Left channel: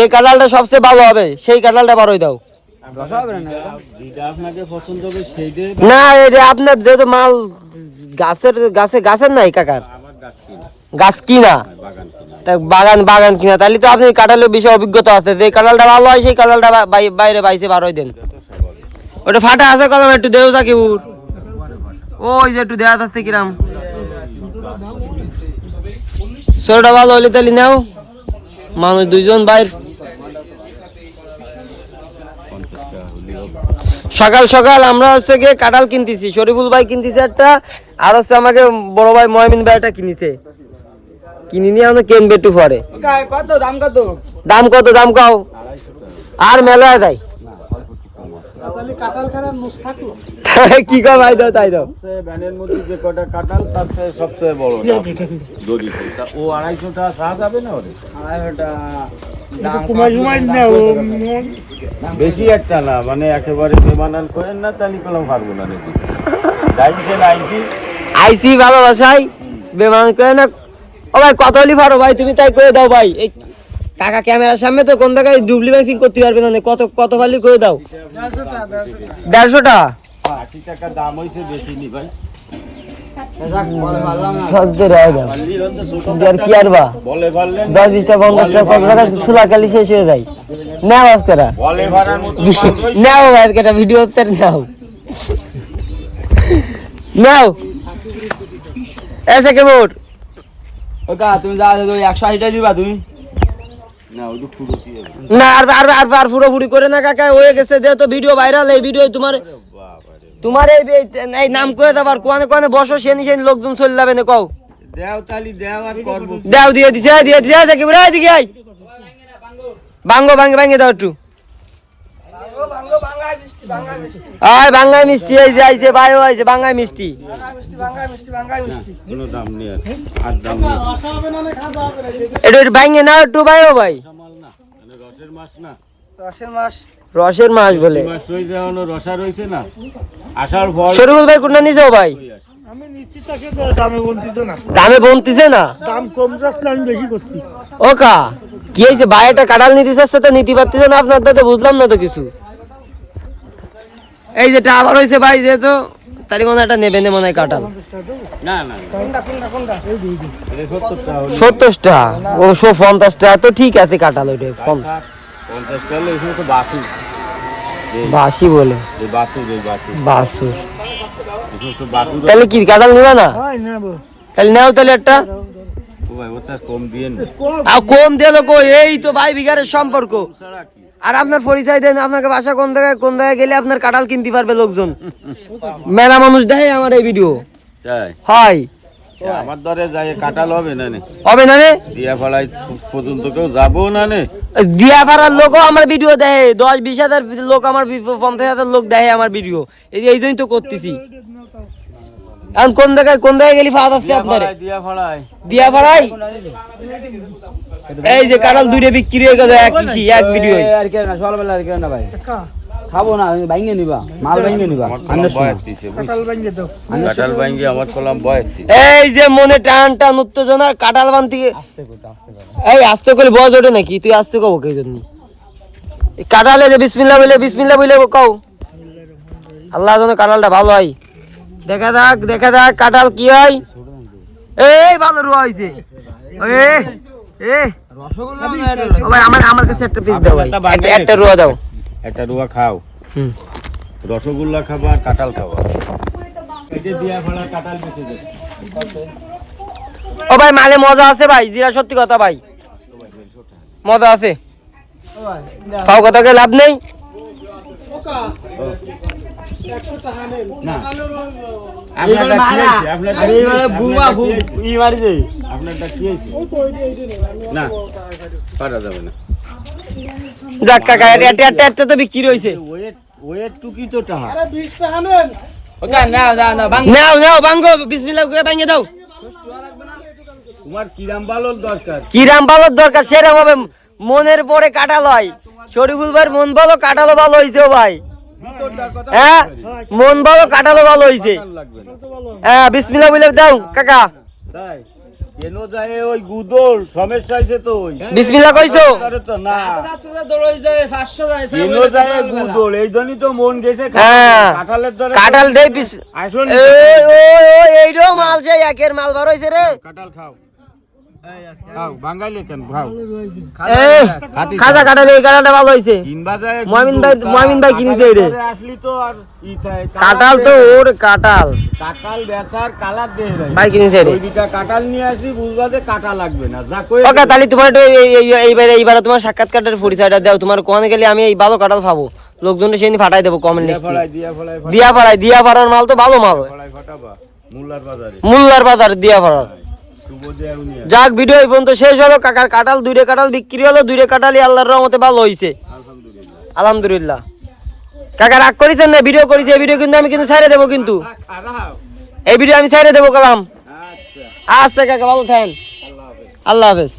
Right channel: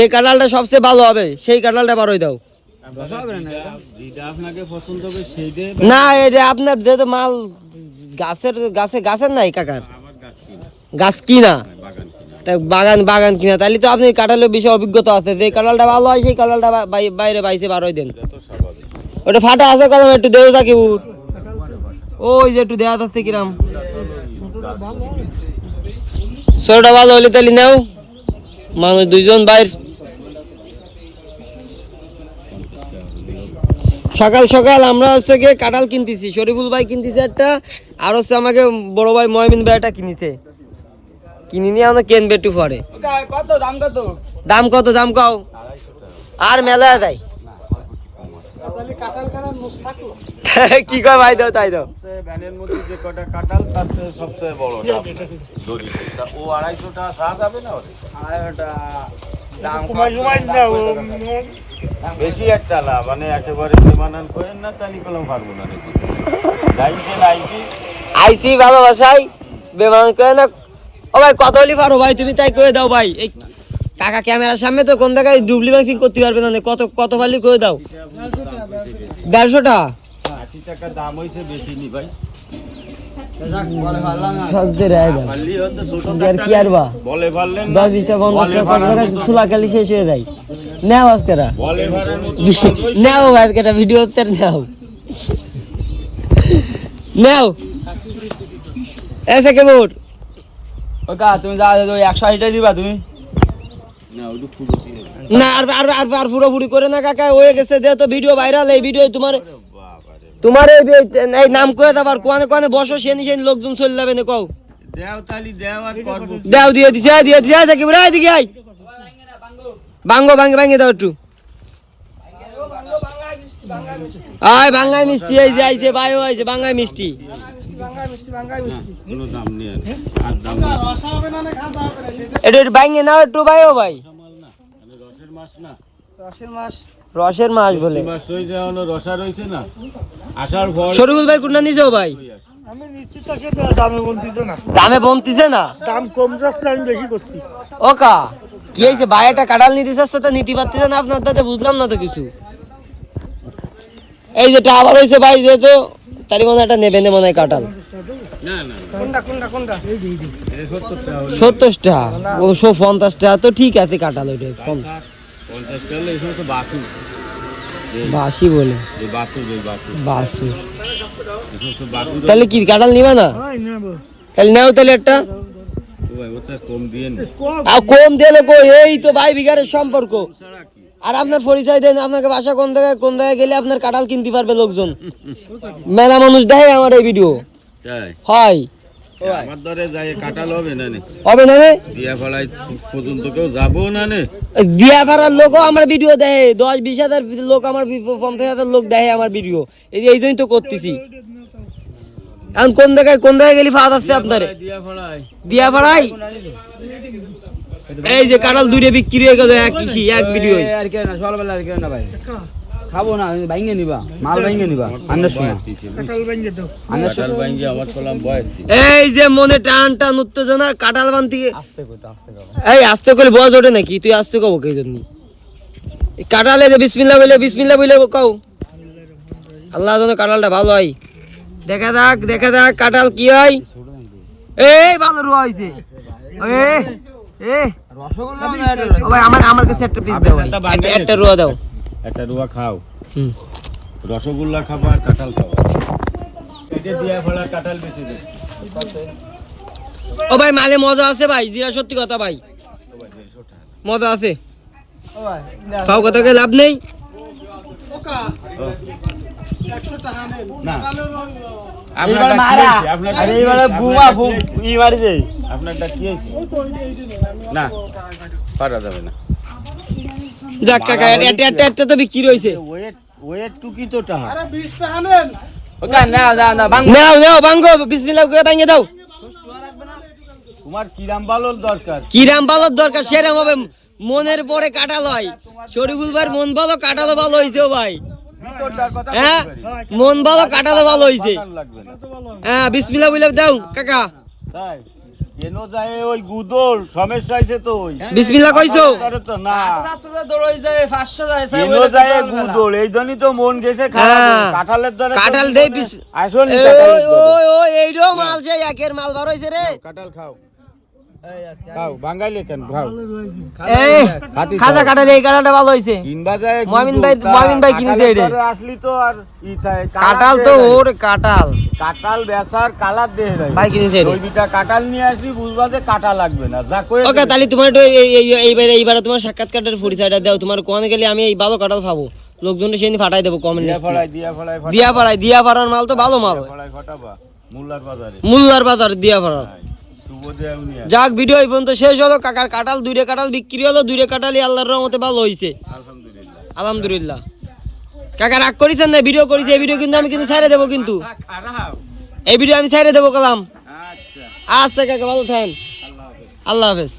এই কাঁঠালটা সবচেয়ে ভালো হবে, সেই কাঁঠালটা বারোই দাও। না এটা আপনার যেহেতু মাল গাছের নাই কাকার, গাছ কিনা, বাগান কিনা, তাহলে তো আপনি কাঁঠালের বিষয়ে অভিজ্ঞতা আছে। যে কাঁঠালটা ভালো হয় সেই কাঁঠালটা বাইরে বাইসে বারোই দেন। ওটা ফাটা আছে কলম, একটু দেও থাকি ওই যে একটু দেওয়া যাচ্ছে কিরাম ছোটটা ভালো হলে তাহলে নাও। মানুষ দুইজন বাইর, সকাল সকাল আমরা হচ্ছে গিয়ে কাঁঠাল কিনতেছি। শরীফুল ভাই কিনতেছে একটা, আর হচ্ছে আমাকে বড় ভাই ময়মিন ভাই একটা কিনেছে। কিনে নিয়ে আমরা কিনবে একটু পরে। দাম কত? দাম কাও আর মেলা দেয় কি কয় ভাই দাও তাই দাও। ভ্যানের মধ্যে যে কটা কাঁঠাল তার সবচেয়ে বড় ও 250 টাকা সাহা যাবে না? ওরে 250 বেশি একটা না, মানে একেবারে বেমানান করেন না, তাহলে কলম পারবো না নাকি আইসি ভালোবাসাই বেমান করে না। ও ভাই কত হলি পারো ভাই, তুমি তাই করে দাও ভাই। এই কাকা ক্যামেরার সামনে তো কোন জায়গায় ডুবলি ব্যাংকিং করতে পারবে না। কত ভালি করে দাও। 150 টাকা 80 টাকা দাম হইছে, বেশি নি ভাই। শেষ হয়ে যায়। নাও আজকেরা নাও আজকেটা ভিডিও নাও নাও এসে কেমন তুমি যা 180 দিবা তুমি না। আর পুরোপুরি করে না কাকা, হয়ে গেছে যেহেতু ভিডিও ভাইরাল। এই ভিডিও তোমার এই নাম করে দেবার কোয়ানে কোয়ানে বসো, সেনি লোকজন চলে যাবে না। কও দাও, দিয়ে দিছে দেখি বুড়া এদিকে আই ভাঙ্গে দাও একটু। আয় বাঙ্গাই মিষ্টি এই যে আইছে, ভাইও আইছে বাঙ্গাই মিষ্টি। কোনো দাম নেই আর দাম নেই। একটু ভাঙ্গে নাও একটু ভাইও ভাই। রসের মাছ না, রসের মাছ বলে মাছ রয়েছে, এখনো রসা রয়েছে না। আসার ফল শরীফুল ভাই কোনটা নিয়ে যাও ভাই? আমি নিশ্চিত দামে বলতেছে না, দামে বলতেছে না, দাম কম যাচ্ছে, আমি বেশি করছি। ওকা কি হয়েছে ভাই? একটা কাঁঠাল নিতে চাচ্ছে তো নিতে পারতেছে না আপনার দাদা, বুঝলাম না তো কিছু। এই যেটা আবার হয়েছে ভাই, যেহেতু তারই মনে একটা নেবেন মনে হয় কাঁঠাল। না না কোনটা এই দিই 70 টাকা ও 50 টাকা তো ঠিক আছে কাঁঠাল। ওইটা 50 টাকা এখানে তো বাসু বাসি বলে বাসু। তাহলে কি কাঁঠাল নিবা না? তাহলে নাও তাহলে একটা কম দিয়ে কম দিলো কো। এই তো ভাই বিঘারের সম্পর্ক। আর আপনার পরিচয় দেন, আপনাকে বাসা কোন জায়গায় গেলে আপনার কাঁঠাল কিনতে পারবে লোকজন। মেলা মানুষ দেখে আমার এই ভিডিও হয়। আমার দরে যাই কাঁঠাল হবে না হবে না রে, দিয়াপাড়ায় পর্যন্ত কেউ যাবো না নে। দিয়াপাড়ার লোকও আমার ভিডিও দেখে, 10-20 হাজার লোক আমার 50,000 লোক দেখে আমার ভিডিও। এই জন্যই তো করতেছি। এখন কোন জায়গায় গেলি ফাঁদ আসছে আপনার দিয়াপাড়ায়। এই যে কাঁঠাল দুইটা বিক্রি হয়ে গেল এক ভিডিও। আর কেন না সকালবেলা আর কেন না ভাই, খাবো না, ভাঙ্গে নিবা, মাল ভাঙ্গে নিবা। এই যে মনে টান উত্তেজনার কাঁঠাল বানতে এই আস্তে করে বয়স ওঠে নাকি? তুই আস্তে কব কে জন্য কাঁঠালে যে বিসমিল্লাহ বলে কও। আল্লাহ যেন কাঁঠালটা ভালো হয়। দেখা যাক কাঁঠাল কি হয়। এই ভালো রুয়া হয়েছে। আমার কাছে একটা পিস দাও, একটা রুয়া দাও। একটা রুয়া খাও, রসগোল্লা খাবার, কাঁঠাল খাবা। এটা দিয়া ফেলা কাঁঠাল বেঁচে দে। ও ভাই মালে মজা আছে ভাই, জিরা সত্যি কথা ভাই, মজা আছে। খাও কথাকে লাভ নেই। যাক কাকা একটা তো বিক্রি হয়েছে। নাও ভাঙ্গো, বিসমিল্লাহ করে ভাঙ্গে দাও। তোমার কিরাম বালোর দরকার সেরকম ভাবে মনের পরে কাঁঠাল হয়। শরীফুল ভাইয়ের মন ভালো, কাঁঠালও ভালো হয়েছে ভাই। হ্যাঁ মন ভালো, কাঁঠালও ভালো হয়েছে। হ্যাঁ বিসমিল্লাহ বলে দাও কাকা। কেন যায় ওই গুদল সমস্যা হয়েছে তো ওই বিসমিল্লাহ কইছো আরে তো না দৌড়ই যায় 500 যায় কেন যায় গুদল এই জন্যই তো মন গেছে হ্যাঁ। কাঁঠালের দ্বারা কাঁঠাল দেই বিস আসুন ওই এইটাও মাল যে একের মাল বার হইছে রে কাঁঠাল খাও খাও বাঙালি কেন খাও এই খাজা কাঁঠাল এই কাঁঠালটা ভালো হইছে কিনবা যায় মমিন ভাই কিনেছে এটা আসলি তো আর ই থাকে কাঁঠাল তো ওর কাঁঠাল কাঁঠাল বেচার কালার দিয়ে দেয় ভাই কিনেছে এটা ওই দুটা কাঁঠাল নিয়ে আসি বুঝবা যে কাঁটা লাগবে না যা কই ওকে তাহলে তোমার একটু এইবারে তোমার সাক্ষাৎকারের পরিচয়টা দাও তোমার কোন গেলে আমি এই ভালো কাঁঠাল খাবো লোকজনের সেদিন ফাটাই দেবো কমেন্ট লিস্টে দিয়া ফাড়ার মাল তো ভালো মাল ফটাবা মোল্লার বাজারে মোল্লার বাজার দিয়া ফাড়ার শুভ দেয়া উনিয়া যাক ভিডিও এই পর্যন্ত শেষ হলো কাকার কাঁঠাল দুইটা কাঁঠাল বিক্রি হলো দুইটা কাঁঠালই আল্লাহর রহমতে ভালো হইছে আলহামদুলিল্লাহ আলহামদুলিল্লাহ কাকা রাগ করেছেন না ভিডিও করেছি এই ভিডিও কিন্তু আমি কিন্তু ছাইড়ে দেবো কিন্তু খারাপ এই ভিডিও আমি ছাইড়ে দেবো কালাম আচ্ছা আচ্ছা কাকা ভালো থাকেন আল্লাহ হাফেজ আল্লাহ হাফেজ